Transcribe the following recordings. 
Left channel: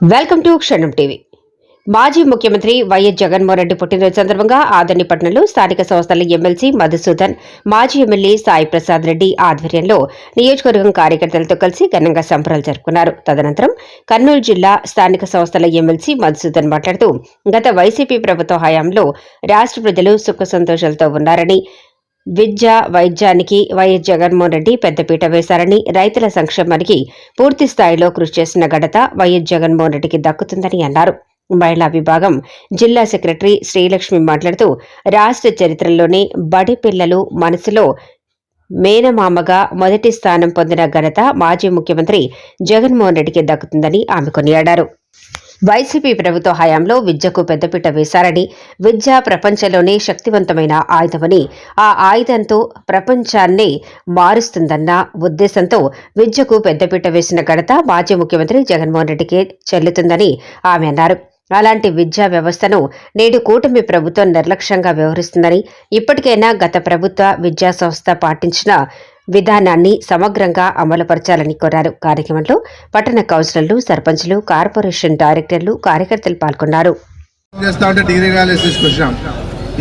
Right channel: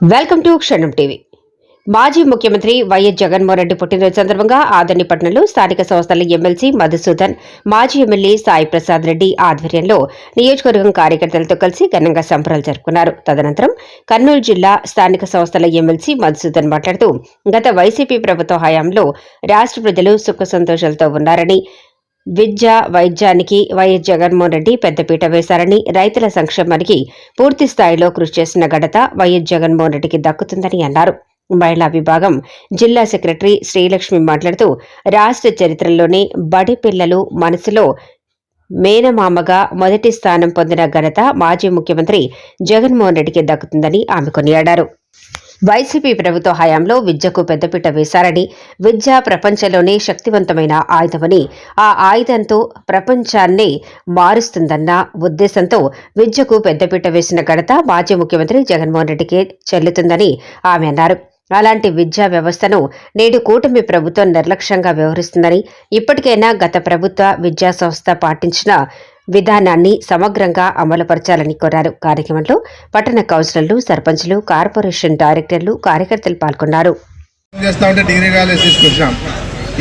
Welcome to క్షణం TV. మాజీ ముఖ్యమంత్రి వైఎస్ జగన్మోహన్ రెడ్డి పుట్టినరోజు సందర్భంగా ఆదర్నిపట్నంలో స్థానిక సంస్థల ఎమ్మెల్సీ మధుసూదన్ మాజీ ఎమ్మెల్యే సాయి ప్రసాద్ రెడ్డి ఆధ్వర్యంలో నియోజకవర్గం కార్యకర్తలతో కలిసి ఘనంగా సంబరాలు జరుపుకున్నారు. తదనంతరం కర్నూలు జిల్లా స్థానిక సంస్థల ఎమ్మెల్సీ మధుసూదన్ మాట్లాడుతూ గత వైసీపీ ప్రభుత్వ హయాంలో రాష్ట్ర ప్రజలు సుఖ సంతోషాలతో ఉన్నారని విద్య వైద్యానికి వైఎస్ జగన్మోహన్ రెడ్డి పెద్దపీట వేశారని రైతుల సంక్షేమానికి పూర్తి స్థాయిలో కృషి చేసిన ఘనత వైఎస్ జగన్మోహన్ రెడ్డికి దక్కుతుందని అన్నారు. మహిళా విభాగం జిల్లా సెక్రటరీ శ్రీలక్ష్మి మాట్లాడుతూ రాష్ట్ర చరిత్రలోనే బడి పిల్లలు మనసులో మేనమామగా మొదటి స్థానం పొందిన ఘనత మాజీ ముఖ్యమంత్రి జగన్మోహన్ రెడ్డికి దక్కుతుందని ఆమె కొనియాడారు. వైసీపీ ప్రభుత్వ హయాంలో విద్యకు పెద్దపీట వేశారని విద్య ప్రపంచంలోనే శక్తివంతమైన ఆయుధమని ఆ ఆయుధంతో ప్రపంచాన్నే మారుస్తుందన్న ఉద్దేశంతో విద్యకు పెద్దపీట వేసిన ఘనత మాజీ ముఖ్యమంత్రి జగన్మోహన్ రెడ్డికే చెల్లుతుందని ఆమె అన్నారు. అలాంటి విద్యా వ్యవస్థను నేడు కూటమి ప్రభుత్వం నిర్లక్ష్యంగా వ్యవహరిస్తుందని ఇప్పటికైనా గత ప్రభుత్వ విద్యా సంస్థ పాటించిన విధానాన్ని సమగ్రంగా అమలుపరచాలని కోరారు. కార్యక్రమంలో పట్టణ కౌన్సిలర్లు సర్పంచ్లు కార్పొరేషన్ డైరెక్టర్లు కార్యకర్తలు పాల్గొన్నారు.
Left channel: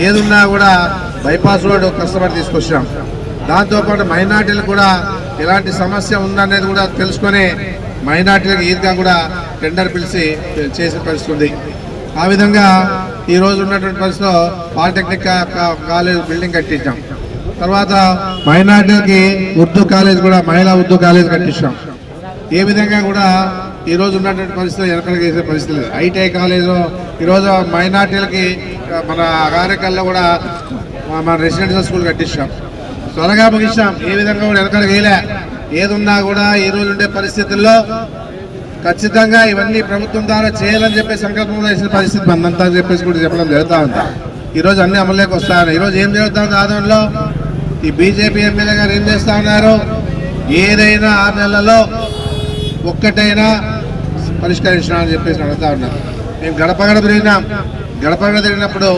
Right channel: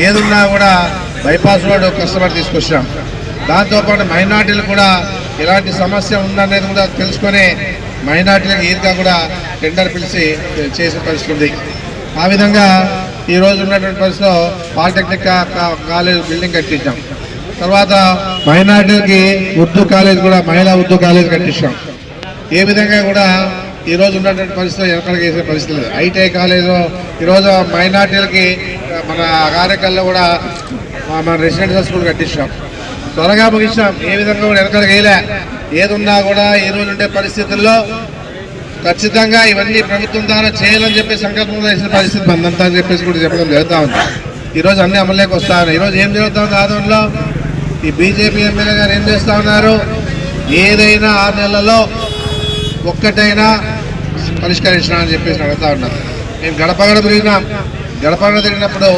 ఏదున్నా కూడా బైపాస్ రోడ్ కష్టపడి తీసుకొచ్చాం దాంతోపాటు మైనార్టీలు కూడా ఎలాంటి సమస్య ఉందనేది కూడా తెలుసుకొని మైనార్టీలకు ఈద్గా కూడా టెండర్ పిలిచి చేసిన పరిస్థితి ఉంది. ఆ విధంగా ఈ రోజు ఉన్నటువంటి పరిస్థితిలో పాలిటెక్నిక్ కాలేజ్ బిల్డింగ్ కట్టించాం. తర్వాత మైనార్టీలకి ఉర్దూ కాలేజ్ కూడా మహిళా ఉర్దూ కాలేజ్ కట్టించాం. ఏ విధంగా కూడా ఈ రోజు ఉన్నటువంటి పరిస్థితులు ఎక్కడ చేసే పరిస్థితి లేదు. ఐటీఐ కాలేజీలో ఈరోజు మైనార్టీలకి మన కార్యకర్తల్లో కూడా మన రెసిడెన్షియల్ స్కూల్ కట్టించాం. త్వరగా ముగించాం ఏ విధంగా కూడా వెనకడికి వేయలే ఏది ఉన్నా కూడా ఈ రోజు ఉండే పరిస్థితుల్లో ఖచ్చితంగా ఇవన్నీ ప్రభుత్వం ద్వారా చేయాలని చెప్పి సంకల్పంలో వేసిన పరిస్థితి మందంతా అని చెప్పేసి కూడా చెప్పడం జరుగుతూ ఉంది. ఈరోజు అన్ని అమలులోకి వస్తా ఉన్నాయి. ఈరోజు ఏం జరుగుతుంది ఆదంలో ఈ బీజేపీ ఎమ్మెల్యే గారు ఏం చేస్తా ఉన్నారు? ఏదైనా ఆరు నెలలలో ఒక్కటైనా పరిష్కరించినా అని చెప్పేసి అడుగుతా ఉన్నారు మేము గడప గడప తిరిగినాం. గడప గడప తిరిగినప్పుడు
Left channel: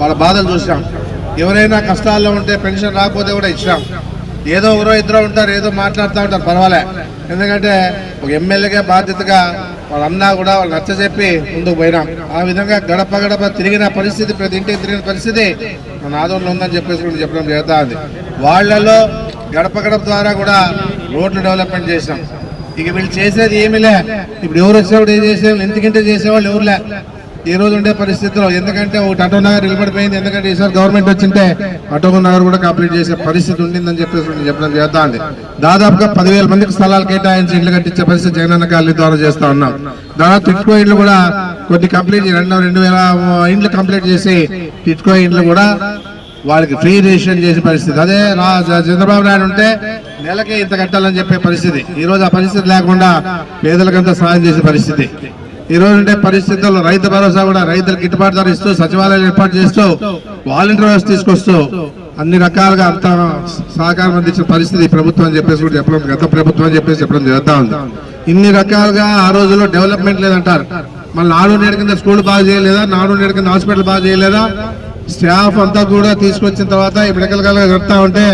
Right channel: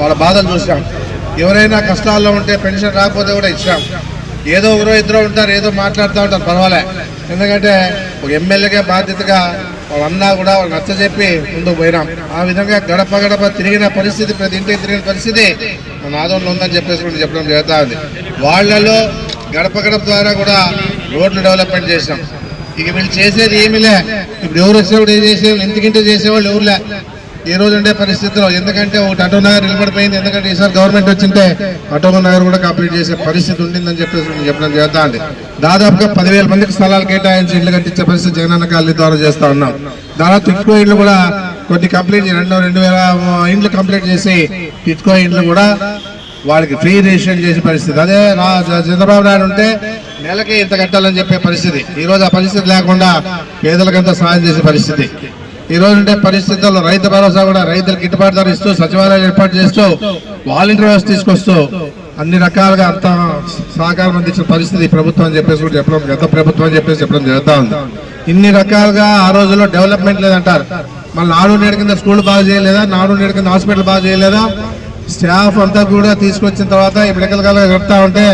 వాళ్ళ బాధలు చూసినాం. ఎవరైనా కష్టాల్లో ఉంటే పెన్షన్ రాకపోతే కూడా ఇచ్చాం ఏదో ఒకరో ఇద్దరు ఉంటారు ఏదో మాట్లాడుతూ ఉంటారు పర్వాలే. ఎందుకంటే ఒక ఎమ్మెల్యేగా బాధ్యతగా వాళ్ళన్నా కూడా వాళ్ళు నచ్చ చెప్పి ముందుకు పోయినాం. ఆ విధంగా గడప గడప తిరిగిన పరిస్థితి ప్రతి ఇంటికి తిరిగిన పరిస్థితి మన ఆదంలో ఉందని చెప్పేసి కూడా చెప్పడం జరుగుతూ ఉంది. వాళ్ళలో గడప గడప ద్వారా కూడా రోడ్లు డెవలప్మెంట్ చేసాం ఇక వీళ్ళు చేసేది ఏమిలే ఇప్పుడు ఎవరు వచ్చినప్పుడు ఏం చేసేవాళ్ళు ఎందుకంటే చేసేవాళ్ళు ఎవరులే ఈ రోజు ఉండే పరిస్థితిలో ఎందుకంటే ఒకటి అటో నగర్ నిలబడిపోయింది. ఎందుకంటే ఈసారి గవర్నమెంట్ వచ్చింటే అటో నగర్ కూడా కంప్లీట్ చేసే పరిస్థితి ఉండిందని చెప్పేసి చెప్పడం చేద్దాం దాదాపుగా పదివేల మందికి స్థలాలు కేటాయించి ఇళ్ళు కట్టించే పరిస్థితి జగనన్న కాలనీ ద్వారా చేస్తా ఉన్నాం. దాదాపు ఇటుకో ఇండ్లు కూడా కొన్ని కంప్లీట్ రెండు రెండు వేల ఇండ్లు కంప్లీట్ చేసి ఇటుకో ఇండ్లు కూడా వాళ్ళకి ఫ్రీ రిజిస్ట్రేషన్ చేసే పరిస్థితి. అదే రా- చంద్రబాబు నాయుడు ఉంటే నెలకి ఇంత కట్టాలని చెప్పే పరిస్థితి. ఈ రోజు ఆ పరిస్థితి లేకుండా పేదలకంతా సాయం చేసే పరిస్థితి. ఈ రోజు ఉండే పరిస్థితుల్లో రైతు భరోసా కూడా రైతులకు గిట్టుబాటు ధర ఇస్తూ సచివాలయాలు ఏర్పాటు చేస్తూ వాలంటీర్ వ్యవస్థ తీసుకొస్తూ అన్ని రకాలుగా అంత సహకారం అందించిన పరిస్థితి ప్రభుత్వం అని చెప్పేసి కూడా చెప్పడం గత ప్రభుత్వం అని చెప్పేసి చెప్పడం జరుగుతూ ఉంది. ఇన్ని రకాలుగా ఆ రోజుల్లో డెవలప్మెంట్ లేదంటారు. మళ్ళీ నాడు నేడు కింద స్కూల్ బాగా చేయలేదా? నాడు నేడు కింద హాస్పిటల్ బాగా చేయలేదా? స్టాఫ్ అంతా కూడా తీసుకొచ్చిన తర్వాత ఇప్పుడు ఎక్కడికల్లా కడతా ఉంటే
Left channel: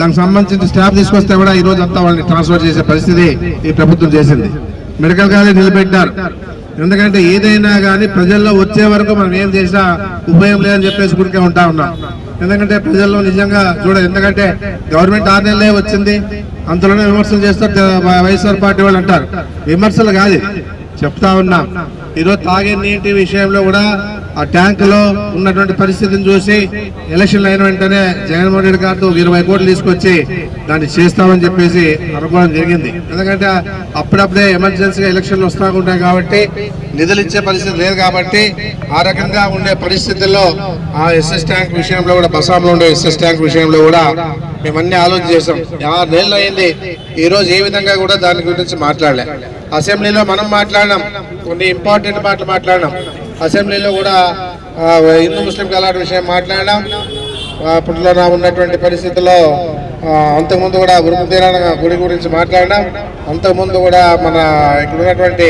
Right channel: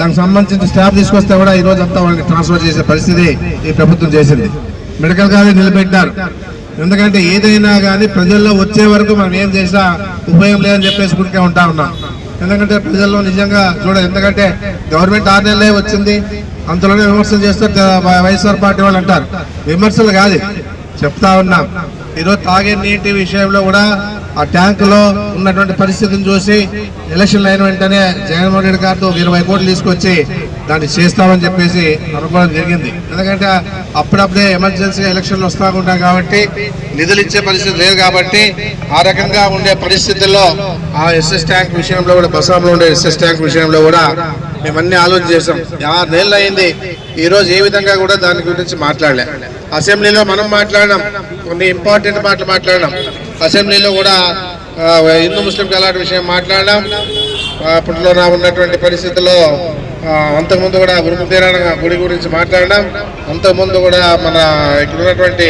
దానికి సంబంధించిన స్టాఫ్ తీసుకొస్తే కూడా ఈ రోజు అంతా వాళ్ళని ట్రాన్స్ఫర్ చేసే పరిస్థితి ఈ ప్రభుత్వం చేసింది. మెడికల్ కాలేజ్ నిలబెట్టారు ఎందుకంటే ఏదైనా కానీ ప్రజల్లో వచ్చే వరకు మనం ఏం చేసినా ఉపయోగం లేదని చెప్పేసి గురికే ఉంటా ఉన్నాం. ఎందుకంటే ప్రజల్లో నిజంగా చూడ ఎందుకంటే గవర్నమెంట్ ఆరు నెలలే వచ్చింది. అంతలోనే విమర్శలు చేస్తారు వైఎస్ఆర్ పార్టీ వాళ్ళు అంటారు. విమర్శలు కాదు. చెప్తా ఉన్నాం. ఈరోజు తాగే నీటి విషయంలో కూడా ఆ ట్యాంక్లో ఉన్నటువంటి పరిస్థితిని చూసి ఎలక్షన్లు అయిన వెంటనే జగన్మోహన్ రెడ్డి గారితో ఇరవై కోట్లు తీసుకొచ్చి దాన్ని చేస్తామని చెప్పేసి అనుకోవడం జరిగింది. ఎందుకంటే అప్పుడప్పుడే ఎమర్జెన్సీగా ఎలక్షన్లు వస్తూ ఉంటాయి కాబట్టి నిధులు ఇచ్చే పరిస్థితి లేదు కాబట్టి ఆ రకంగా ఉండే పరిస్థితుల్లో ఆ ఎస్ఎస్ ట్యాంక్ విషయంలో కూడా బసాంలో ఉండే ఎస్ఎస్ ట్యాంక్ విషయంలో కూడా మేమన్నీ ఆలోచన చేసాం ఆరు నెలలు అయింది. ఈరోజు ఏ విధంగా కూడా దాని గురించి మాట్లాడలే. అసెంబ్లీలో మనం మాట్లాడినాం. కొన్ని ఇంపార్టెంట్ మాటలు మాట్లాడినాం. అసెంబ్లీలో కూడా హిందూ ముస్లిం కలాట విషయం మాట్లాడినాం. అప్పట్లో నా ఉన్నటువంటి పరిస్థితుల్లో అంతకుముందు కూడా గురుముదీరాణ గుడి గురించి మాట్లాడినాం. అంతకుముందు కూడా మన ఇక్కడ ఉన్నటువంటి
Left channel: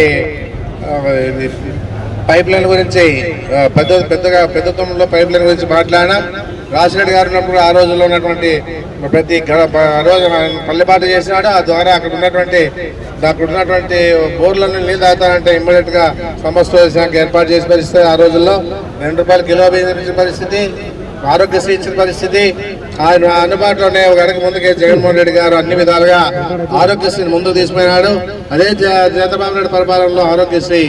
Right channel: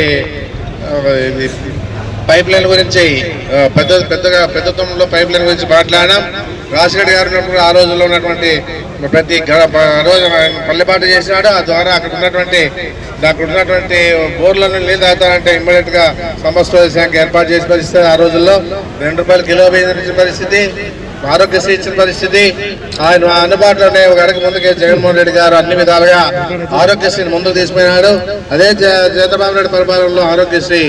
పైప్ లైన్ గురించి పెద్ద పెద్దగా పెద్ద తొమ్మిదిలో పైప్ లైన్ గురించి మాట్లాడినాం. రాజశేఖర్ గారు ఉన్నప్పుడు ఆ రోజుల్లో ఉన్నటువంటి ప్రతి రోజు ఆయన పల్లెపాటు చేసినాడు. ఆ ద్వారా అక్కడ ఉన్నటువంటి నాకు ఉన్నటువంటి బోర్లను నీళ్ళు తాగుతానంటే ఇమ్మీడియట్గా సమస్య శాఖ ఏర్పాటు చేసిన పరిస్థితి ఆ రోజుల్లో. రెండు రూపాయలు కిలో బియ్యం ఇచ్చిన పరిస్థితి ఆరోగ్యశ్రీ ఇచ్చిన పరిస్థితి. ఆయన అందుబాటులోనే ఒక అడుగు ముందుకే జగన్మోహన్ రెడ్డి గారు అన్ని విధాలుగా ఆరోగ్యశ్రీని ముందుకు తీసుకున్నాడు అదే చంద్రబాబు నాయుడు పరిపాలనలో ఆరోగ్యశ్రీ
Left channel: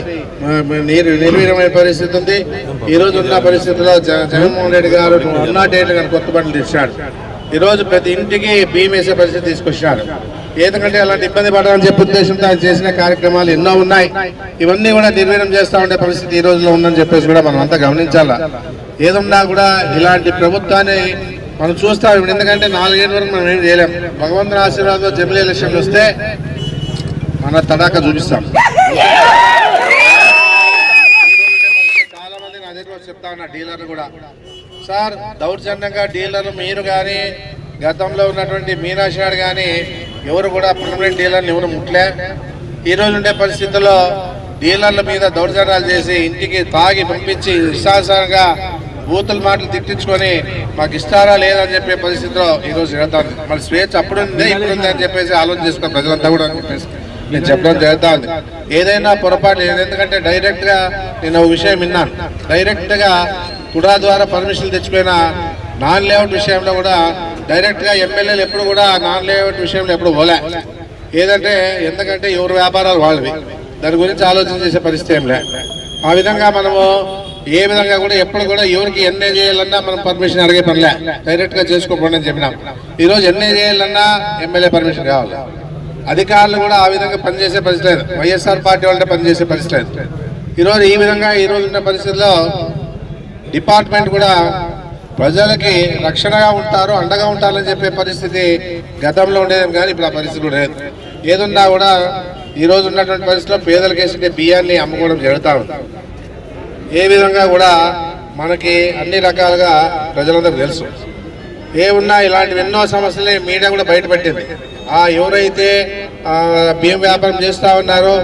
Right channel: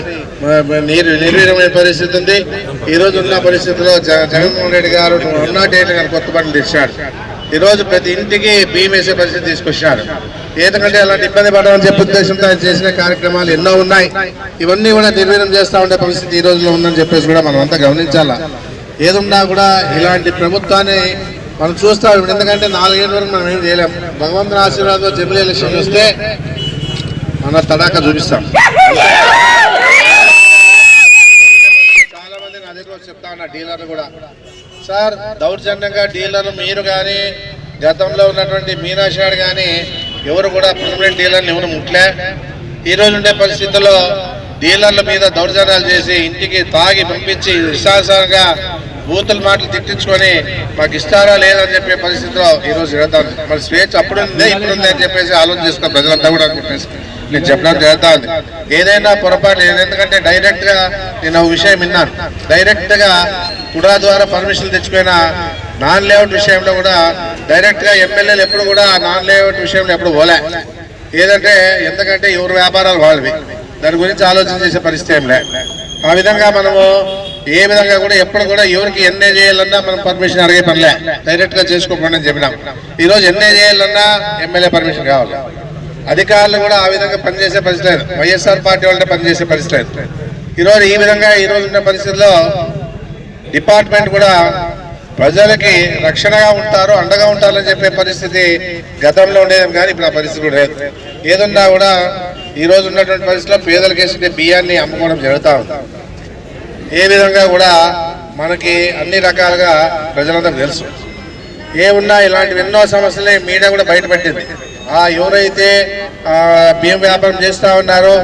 నీరు నిర్వీర్యమైన పరిస్థితి ఉంది. ఈ రోజు ఉన్న పరిస్థితిలో జగన్మోహన్ రెడ్డి గారు వన్ నాట్ ఎయిట్ కొత్త బట్టలు తెచ్చాడు. ఈ రోజు ప్రతి ఇంటికి బియ్యం వేసే పరిస్థితి తీసుకొచ్చారు ఎందుకంటే అలాంటి ఇబ్బంది పడాలని చెప్పే ఉద్దేశంతో ఆయన చేసిన కార్యక్రమాలు ఎన్నో ఉన్నాయి. ఇవన్నీ కూడా నిర్వీర్యం చేస్తా ఉండే పరిస్థితి ఈ రోజులో ఉందని చెప్పేసి కూడా మనం అంతా గమనించాలా? ఏదున్నా కూడా ఇలాంటి ప్రభుత్వాన్ని మనం చూస్తాం ఇప్పుడు ఎందుకంటే నాలుగేళ్ళ వరకు మనం ఏం చేయలేం. భగవంతుని ఆశీర్వాదంతో జమిలీ ఎలక్షన్ వస్తే మన తడాక చూపిస్తాం. చాలా మంది నా దగ్గర చెప్తా ఉన్నా డీలర్లు కూడా. సార్ దౌర్జన్యంగా డీలర్లు మీరు కానీ గతంలో ఉన్నటువంటి మీనాషాడ్ కానీ ఎవరు కూడా పర్మనెంట్ డీలర్ని ఎవరు ముట్లే ఈరోజు ఉండే పరిస్థితుల్లో డీలర్ల మీద దౌర్జన్యాలు చేసి ఇంటికి తాగి పంపించి విశ్వాసంగా బూతుల మాటలు తిట్టించుకొని మాకు ఇస్తారా లేదని చెప్పే పరిస్థితిలో ఈరోజు రోజు జరుగుతుంది. మరి స్వేచ్ఛ అప్పుడు ఉంది ఇప్పుడు ఉంది అని చెప్పేసి ఆలోచన చేసుకుని ప్రజలంతా కూడా చెప్పేసి నేను చెప్పడం జరుగుతుంది. ఏదైనా పొరపాటు ఎందుకంటే డైరెక్ట్గా నేను ఒక విషయం విన్నాను. డైరెక్ట్గా కుడా ద్వారా పర్మిషన్ తెచ్చిపోయిన నాన్ లేఅవుట్ విషయంలో కూడా డైరెక్ట్గా ఎమ్మెల్యేలు ఎప్పుడు కూడా నాన్ లేఅవుట్ విషయంలో ఎప్పుడు పోలే. ఏదంటే ఎందుకంటే ఎవరు వ్యాపారాలు వాళ్ళవి. దాని గురించి ఆలోచన చేసే పరిస్థితి ఏం లే. ఆ విధంగా మనము ఏ విధంగా కూడా ఎప్పుడు కూడా ఎవరికి ఎన్ఏ చేయాలన్నా మనం పర్మిషన్ అడిగే పనిలే డైరెక్ట్గా చేసుకోకుండా అని చెప్పినాం. ఈరోజు ఎన్ఏ చేయాలన్నా ఎమ్మెల్యే పర్మిషన్ కావాలి. అధికారులు కూడా ఆ విధంగా పనిచేసే పరిస్థితి లేదు. వైఎస్ఆర్ పార్టీ వాళ్ళే పనిచేసే పరిస్థితి లేదు. ఈరోజు ఈ విధంగా ఈ రోజు ఉన్న పరిస్థితుల్లో డిపార్ట్మెంట్ కూడా ప్రజలకి రక్షణగా ఉంటారు అండగా ఉంటారని చెప్పే పరిస్థితి గతంలో ఉండేది కానీ ఇప్పుడు ఆ పరిస్థితి కూడా లేదు. ఏదున్నా కూడా ఈరోజు ఉన్నటువంటి పరిస్థితిలో పేదలకు వేసే బియ్యాన్ని అమ్ముకోవడం జరుగుతూ ఉంది. ఏ విధంగా కూడా మనకి అన్ని రకాలుగా ప్రజలందరూ తెలుసు. ఏ ఉన్నా ఇలాంటివి ఎన్నో సమస్యలని మీడియా కూడా బయటపెట్టింది ఆ ఎవరైతే బియ్యం వ్యాపారం చేస్తూ ఉన్నారో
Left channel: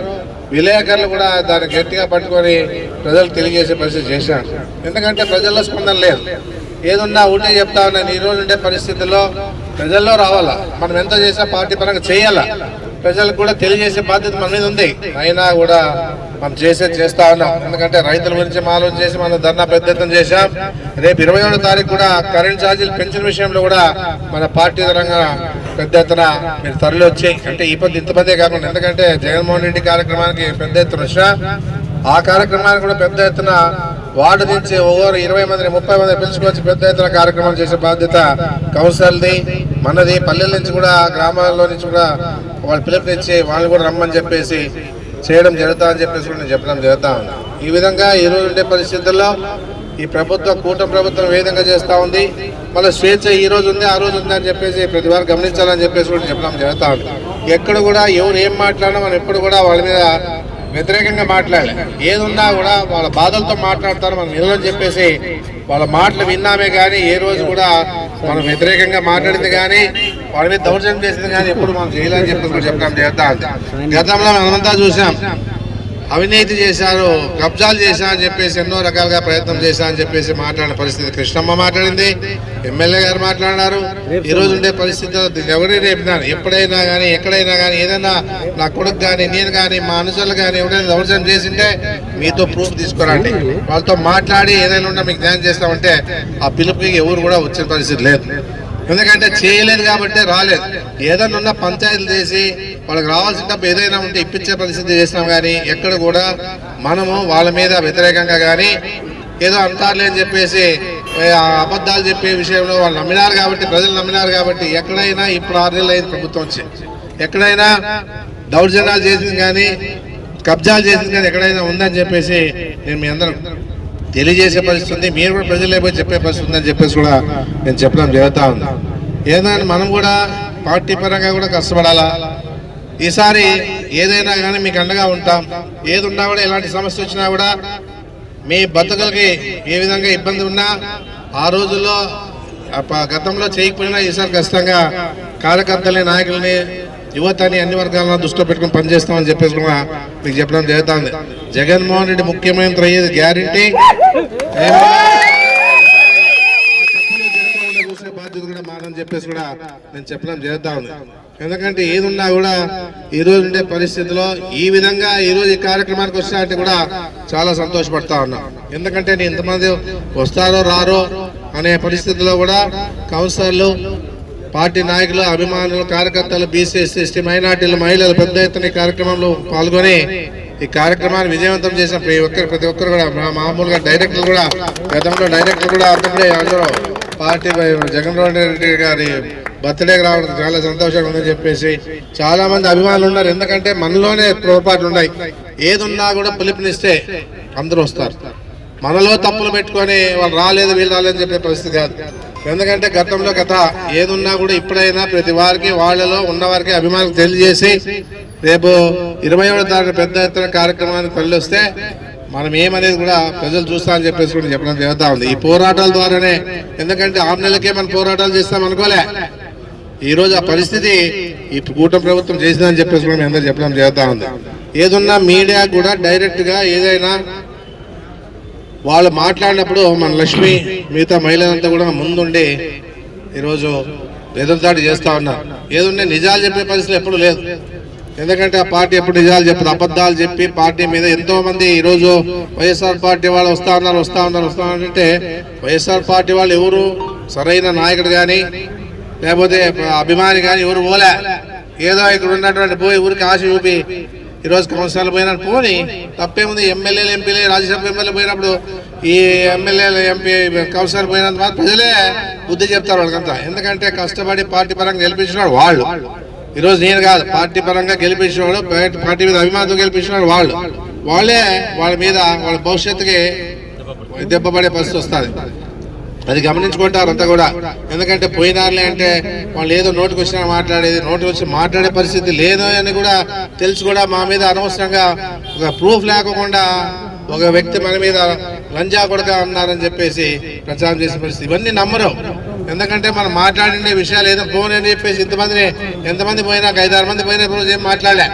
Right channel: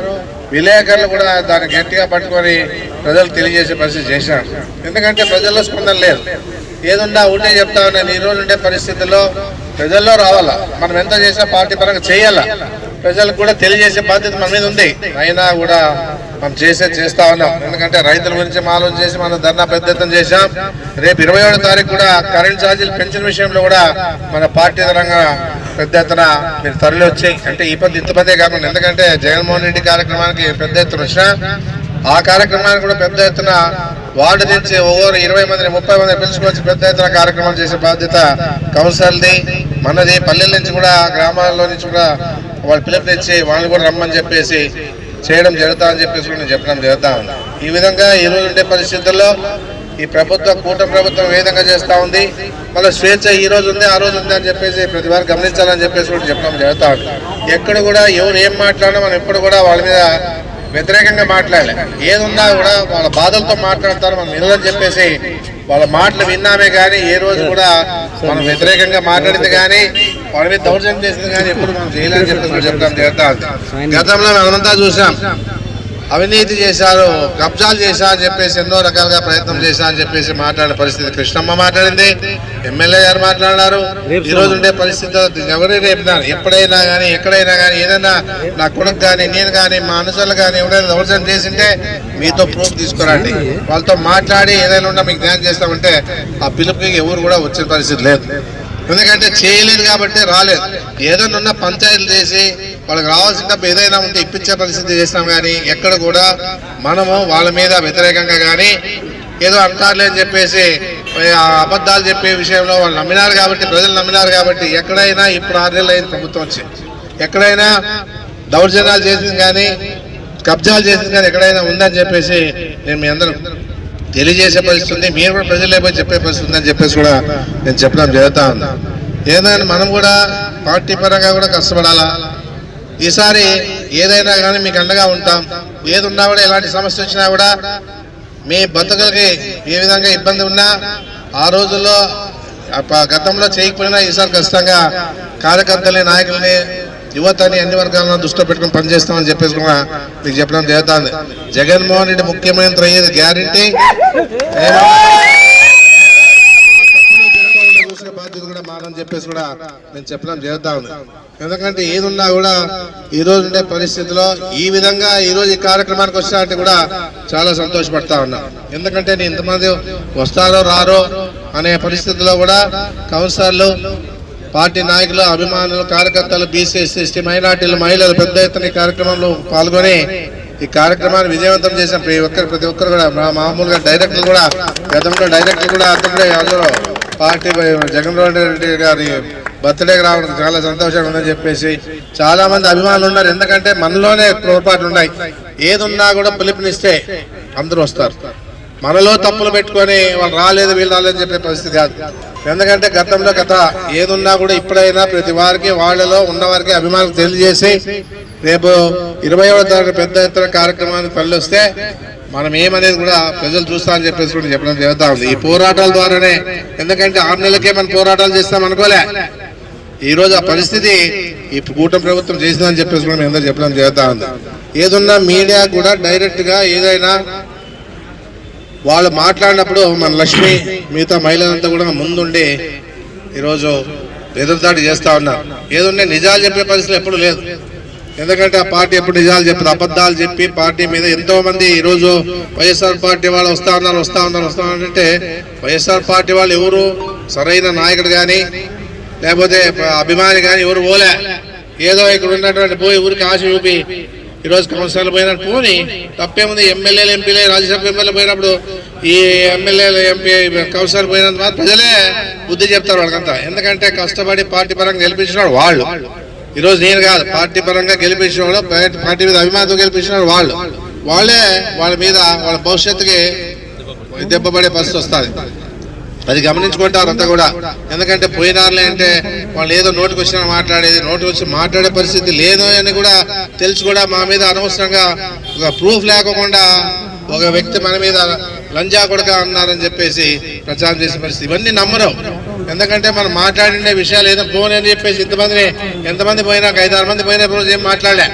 విలేకరులు కూడా దాన్ని గట్టిగా పట్టుకొని ప్రజలు తెలియజేసే పరిస్థితి చేశారు. ఎందుకంటే ప్రజల్లో స్పందన లేదు. ఏదున్నా ఉంటే చెప్తా ఉన్నాను ఈ రోజు ఉండే పరిస్థితుల్లో ప్రజల్లో రావాలా? మనం ఎంత చేసినా పార్టీ పరంగా చేయాలా? ప్రజలకు కూడా తెలియజేసే బాధ్యత మన మీద ఉంది. అయినా కూడా మనం చేసే చేస్తా ఉన్నాం. ఎందుకంటే రైతుల గురించి ఆలోచన చేసి మనం ధర్నా పెద్ద ఎత్తున చేశాం. రేపు ఇరవై ఏడో తారీఖు కూడా కరెంట్ ఛార్జీలు పెంచిన విషయంలో కూడా మన పార్టీ పరంగా పెద్ద ఎత్తున మీరు తరలి వచ్చి అంటే ఈ పది ఇంత పదే కాకుండా ఎందుకంటే జగన్మోహన్ రెడ్డి కార్యక్రమానికి పెద్ద ఎత్తున వచ్చినా ఆ కార్యక్రమానికి కూడా పెద్ద ఎత్తున వార్డు నుంచి ఓవర్ ఇరవై మంది ముప్పై మంది పిలుచుకొచ్చి పెద్ద ఎత్తున కార్యక్రమం చేసే బాధ్యత కౌన్సిల్ది మనది పల్లెల నుంచి కూడా గ్రామాల్లో నుంచి కూడా వాళ్ళు పిలుపునిచ్చి వాళ్ళు కూడా రమ్మని చెప్పేసి చేయడం జరుగుతా అని చెప్పేసి నేను చెప్పడం జరుగుతా ఉంది. ఈ విధంగా ఈ రోజు ఉండే పరిస్థితుల్లో ఈ ప్రభుత్వం కూటమి ప్రభుత్వం ఏ విధంగా చేస్తా ఉంది మళ్ళీ స్వేచ్ఛ ఈ రోజు ఉంది ఆ రోజు ఉంది అని చెప్పేసి ప్రతి వారు గమనించాలని చెప్పేసి కూడా చెప్పడం జరుగుతా ఉంది. ఎక్కడ కూడా ఎవరు ఏం మాట్లాడినా మనం ఎప్పుడు కూడా వాళ్ళ మీద వ్యతిరేకంగా మాట్లాడలే. ఏదున్నా కూడా వాళ్ళ బాధలతో మాట్లాడతారు మనం వినదని చెప్పేసి వాళ్ళ మాటలు విన్నామే కానీ ఏ రోజు కూడా మనం వ్యతిరేకంగా మాట్లాడింది కానీ వాళ్ళ మీద దౌర్జన్యం చేసింది కానీ ఎప్పుడు మనం చేయలేని చెప్పేసి చెప్తాం. చెప్పడం గతంలో మనమంతా చూసాం. అవినీతి చేశారు కబ్జాలు చేశా అని చెప్పేసి ఎన్నో రకాలుగా ప్రయత్నం చేశా అని చెప్పేసి మాట్లాడిన పరిస్థితి కృష్ణమ్మ మాట్లాడింది ఎమ్మెల్యే గారు మాట్లాడినారు. ఈ రోజు ఉండే పరిస్థితి ఎవరైనా రేపినారు ఎప్పుడైనా కానీ ఎక్కడైనా కానీ ఏదైనా నా కొడుకు కానీ నేను కానీ మా అనుచరులు కానీ ఎవరైనా దౌర్జన్యం చేసింటే మీతో ప్రూఫ్ తీసుకురండి. వాళ్ళతో మాట్లాడి ఏదైనా ఉన్నా మీకు జ్ఞానం చేస్తామంటే ఆ పిలుపుకి ఎవరు కూడా వచ్చిన పరిస్థితి లేదు. ఎందుకంటే చేయలేదు కాబట్టి రాలేదు. ఏదైనా ఉన్న పంచాయతీలు చేసి వాళ్ళకి రావాల్సిన డబ్బు ఏదైనా ఉంటే ఇప్పించే పరిస్థితి చేసినాం కానీ ఎక్కడ కూడా మనము వాళ్ళ మీద వ్యతిరేకంగా కానీ ఏదో అంటారులే అని చెప్పేసి ఆ అబద్ధాలు చెప్పే విషయంలో వాళ్ళు నమ్మినారు కాబట్టి ప్రజలు నమ్మినారు కాబట్టి ఎక్కడైనా ఇప్పుడు ఆరు నెలలు అయింది ప్రభుత్వం వచ్చి. ఎక్కడైనా దౌర్జన్యాలు చేసింది కానీ కబ్జాలు చేసింది కానీ ఎక్కడైనా ఉందని చెప్పేసి నేను మీ అందరూ తెలియజేసే పరిస్థితి ఉంది. మీరు కూడా ప్రజలే పోయి చెప్పే పరిస్థితి ఉందని చెప్పేసి కూడా నేను చెప్పడం జరుగుతూ ఉంది. ఏదైనా మనం కూడా పార్టీ పరంగా కూడా కష్టపడాలా? ఈసారి ఏదైనా కానీ మీకు అండగా ఉంటాం. ఏది ఉన్నా కూడా ఎలాంటి సమస్య వచ్చినా కూడా మీ బతుకులకి ఏ విధంగా ఇబ్బంది ఉన్నా ఆ రోజుల్లో గతంలో చేయకపోయినా ఈసారి ఖచ్చితంగా కార్యకర్తల్ని నాయకుల్ని యువతని అన్ని వర్గాలను దృష్టిలో పెట్టుకుని పనిచేస్తామని చెప్పేసి కూడా మీకు చెప్పడం జరుగుతుంది. జగన్మోహన్ రెడ్డి ముఖ్యమంత్రి అయ్యేది గ్యారంటీ. చూసే బాధ్యత కూడా మారని చెప్పేసి కూడా నేను చెప్పడం జరుగుతా ఉంది ఎందుకంటే ఏదున్నా కూడా ఈ రోజు ఉండే పరిస్థితిలో ఈ విధంగా ఈ రోజు ఈ కార్యక్రమానికి వచ్చినట్టు కూడా చాలా సంతోషపడతా ఉన్నా. ఎందుకంటే నేను ఇంతమంది వస్తారో రారో అనే పరిస్థితిలో కూడా కౌన్సిలర్లు పార్టీ నాయకులు అభిమానులు కార్యకర్తలు బీసీ ఎస్సీ మైనార్టీలు మహిళలు పెద్ద ఎత్తున కార్యక్రమంలో పాల్గొని ఈ కార్యక్రమాన్ని విజయవంతం చేసిన ప్రతి ఒక్కరు ప్రతి ఒక్కరు కూడా మా మామూలుగా డైరెక్టర్లు కూడా గతంలో డైరెక్టర్లు కూడా అతడే అందరూ పార్టీ జగన్మోహన్ రెడ్డి గారి బర్త్డేకి రావడం చాలా సంతోషంగా ఉందని చెప్పేసి చాలామంది అభిమానులు ఉన్నారు. ఎందుకంటే మనలోనే పొరపాట్లు ఉన్నాయి. ఏదున్నా కూడా పిలుపునిస్తే అందరూ వస్తారు. మనలో తప్పులు పెట్టుకొని వాళ్ళు రాలేదు వీళ్ళు రాలేదని చెప్పే పరిస్థితి కాదు. ఎందుకంటే గతంలో కథ ఏదున్నా కూడా ఇప్పుడైనా ప్రతి వారికి వాళ్ళలో ఉన్నవారికి అభిమానులు తెలియజేసి రేపు ఇరవై ఏడవ తారీఖు పెద్ద ఎత్తున కార్యక్రమానికి పల్లొస్తే మనం ఏమనేది కూడా ప్రజలు చూస్తామని చెప్పేసి కూడా చెప్పడం జరుగుతూ ఉంది. ఈ పోరాటాల ద్వారానే ఎందుకంటే ఆరు నెలలకే మనం పోరాటాలు చేస్తాం అనుకోలే. ఈరోజు ఆ పరిస్థితి ఈ కూటమి ప్రభుత్వం చేసిందని చెప్పేసి కూడా మేము అందరూ చెప్పడం జరుగుతూ ఉంది. ఏదున్నా మీడియా కూడా డైరెక్ట్గా ఏదైనా వాళ్ళు మాట్లాడినప్పుడు మన లక్ష్మి మిగతా మహిళలంతా కూడా ముందుండి ఈరోజు ఎదురుదాడి చేస్తా ఉన్నారు ఏదుంటే నిజాలు చెప్పే పరిస్థితి ఎప్పుడు లేదు. ఎందుకంటే ఆ పార్టీ ఎప్పుడు నిజాలు చెప్పదు అబద్ధాలు చెప్పి పార్టీ మీద ఎంతో మంది ఈరోజు వైఎస్ఆర్ పార్టీ వాళ్ళు వస్తా ఉన్నారు వస్తా ఉన్నారు వస్తా ఉన్నారంటే వైఎస్ఆర్ పార్టీ వాళ్ళు ఎవరు సరైన నాయకుడు కానీ లేకపోతే అభిమాని కానీ ఎవరు పోలే. ఏదో ఇక్కడ ఉన్నటువంటి పోయి ఊరికి ఆశ చూపి ఈరోజు కౌన్సిలర్ పోయినట్టు పోని తప్పేముంది ఎమ్మెల్యేలు ఎంపీలే రాజ్యసభ ఎమ్మెల్యే పోయినప్పుడు ఈ ఎమ్మెల్యేలు ఎంపీ కౌన్సిలర్ పోయినంత మాత్రం ప్రజలే బుద్ధి చెప్తారు వాళ్ళకంతా. ఎందుకంటే కష్టపడి పార్టీ పరంగా గెలిపించిన వాళ్ళు. ఈరోజు నేను కాదు పార్టీ పరంగా గెలిపించిన వాళ్ళు పార్టీ- మీద అభిమానంతో గెలిపించిన వాళ్ళు. వాళ్ళు వాళ్ళే వాళ్ళ మీద వాళ్ళ భవిష్యత్తుకి దెబ్బపడే పరిస్థితి వస్తుంది. అది గమనించుకుంటారు అంతా కూడా. ఎందుకంటే పోయినారులే అంటే వాళ్ళు ఏదో నోటికి వచ్చినా మాట్లాడేది నోటికి వచ్చి మాట్లాడే పరిస్థితి లేదో అని కూడా తెలిసి కూడా మా మీద అనవసరంగా ఒక ప్రూఫ్ లేకుండా ఒక వ్యక్తి మన మీద లంజా కొడక అన్నారని చెప్పేసి ప్రచారం చేసే పరిస్థితి. ఇవన్నీ నమ్మరు. ఎందుకంటే మనం మాట్లాడిన విషయాలు ఏదో ఫోన్ అని చెప్పేసి ఇంతమందిని ఎంతమంది పోయినా ఒక ఐదారు మంది పోయిన రోజు ఏం మాట్లాడలే.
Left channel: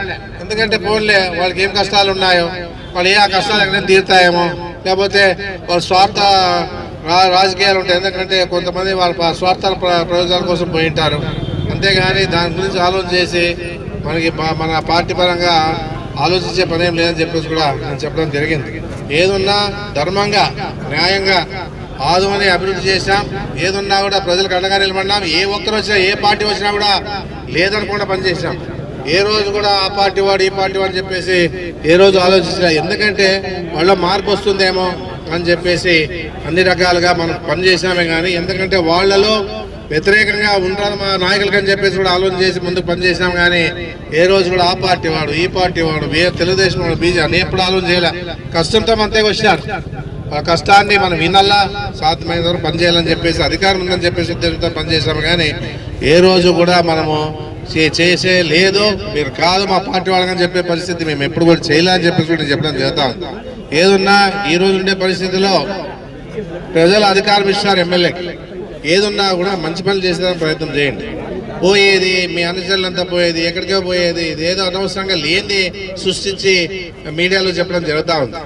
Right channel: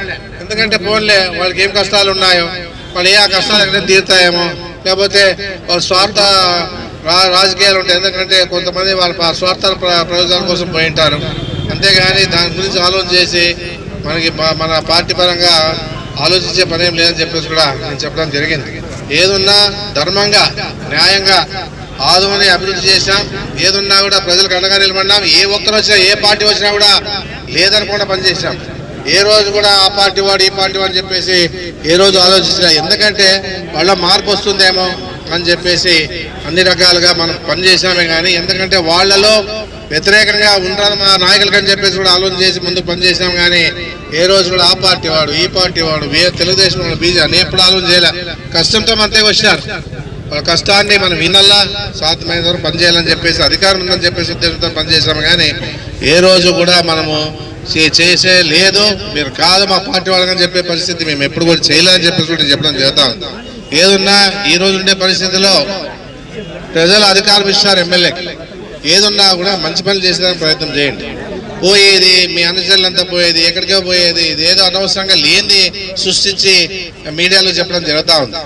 ఎందుకంటే ఫోన్లే వాళ్ళకి ఏం కష్టాలు ఉన్నాయో వాళ్ళు ఏ ఆ కష్టాలు ఎక్కడ తీరుతాయేమో లేకపోతే వాళ్ళ స్వార్థ రాజకీయాలు ఉంటాయి. ఎందుకంటే కొంతమంది వాళ్ళ స్వార్థాల ప్ర- ప్రయోజనాల కోసం పోయి ఉంటారు. అంతేగాని దాని గురించి ఆలోచన చేసి మనకి మన పార్టీ పరంగా ఆలోచించే పదేం లేదని చెప్పేసి కూడా నేను చెప్పడం జరిగింది. ఏదున్నా ధర్మంగా న్యాయంగా ఆదుమని అభివృద్ధి చేసాం ఏదున్నా కూడా ప్రజలకు అండగా నిలబడినాం ఏ ఒక్కరు వచ్చినా ఏ పార్టీ వచ్చినా కూడా లేదనకుండా పనిచేసాం ఏ రోజు కూడా ఆ పార్టీ వాడు ఈ పార్టీ వాడు చెప్పేసి ఏ రోజు ఆలోచించిన ఎందుకంటే వాళ్ళ మార్పు వస్తుందేమో అని చెప్పేసి అన్ని రకాలుగా మనం పనిచేసినామే కానీ ఎందుకంటే వాళ్ళలో వ్యతిరేకంగా ఉంటారు మా నాయకులకి అని చెప్పేసి కూడా ఆలోచన చేసి ముందుకు పనిచేసాం కానీ ఏ రోజు కూడా ఆ పార్టీ వాడు ఈ పార్టీ వాడు ఏ తెలుగుదేశం వాళ్ళు బీజేపీ అని ఎప్పుడు ఆలోచన చేయలే. కష్టంతో మనతో వచ్చినారు. వాళ్ళ కష్టాన్ని మనం వినల్లా సాధ్యమైన వరకు పనిచేయాలని చెప్పేసి అధికారం ఉందని చెప్పేసి ఉద్దేశంతో పనిచేసాము కానీ ఏ రోజు కూడా మనము చే- చేసే లేదు మీరు కాదు మా పార్టీ వాళ్ళని చెప్పే పరిస్థితి మేము ఎప్పుడు కూడా చేయలేదని చెప్పేసి కూడా చెప్పడం చేద్దాం ఏదున్నా ఈ రోజు ఉండే పరిస్థితిలో ప్రజలు అధికారం ఇస్తారు ఎమ్మెల్యేకి ఏదున్నా కూడా మంచి పనులు చేసేదానికి ప్రయత్నం చేయండి. పోయేది మీ అనుచరులంతా పోయేది ఎక్కడికే పోయేది ఇది ఏదో అనవసరంగా లేని సృష్టించి మీడియాలో చెప్పడం జరుగుతూ ఉంది.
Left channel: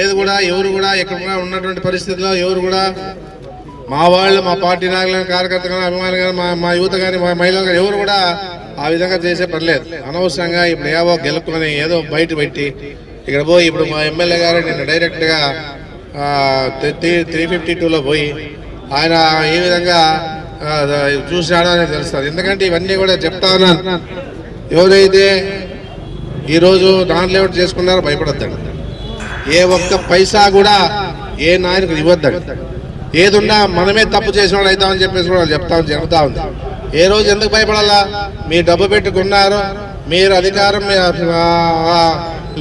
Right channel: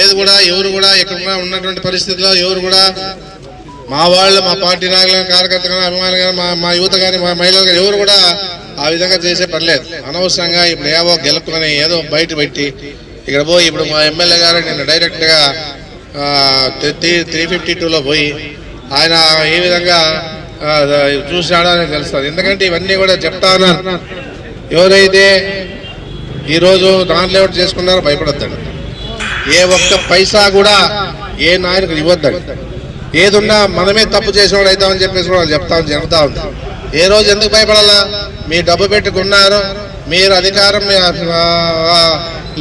ఏది కూడా ఎవరు కూడా ఎక్కడ ఉన్నటువంటి పరిస్థితుల్లో ఎవరు కూడా మా వాళ్ళు మా పార్టీ నాయకులు కార్యకర్తలు కానీ అభిమానులు కానీ మా మా యువత కానీ మా మహిళలు కానీ ఎవరు కూడా ఆ విధంగా చేసే పర్లేదు అనవసరంగా ఇప్పుడు ఏవో గెలుపుకొని ఏదో బయట పెట్టి ఇక్కడ పోయి ఇప్పుడు మా ఎమ్మెల్యే గారు నిన్న డైరెక్ట్గా త్రీ త్రీ ఫిఫ్టీ టూలో పోయి ఆయన ఏ విధంగా చూసినాడో అని తెలుస్తుంది. ఎందుకంటే ఇవన్నీ కూడా చెప్తా ఉన్నాను. ఎవరైతే ఈరోజు నాన్ లేఅవుట్ చేసుకున్నారో భయపడద్దండి. ఏ ఒక్క పైసా కూడా ఏ నాయకుడు ఇవ్వద్దండి. ఏదున్నా మనమే తప్పు చేసిన వాళ్ళు అవుతామని చెప్పేసి కూడా చెప్తాం జరుగుతూ ఉంది ఏ రోజు ఎందుకు భయపడాలా? మీ డబ్బు పెట్టుకున్నారు మీరు అధికారం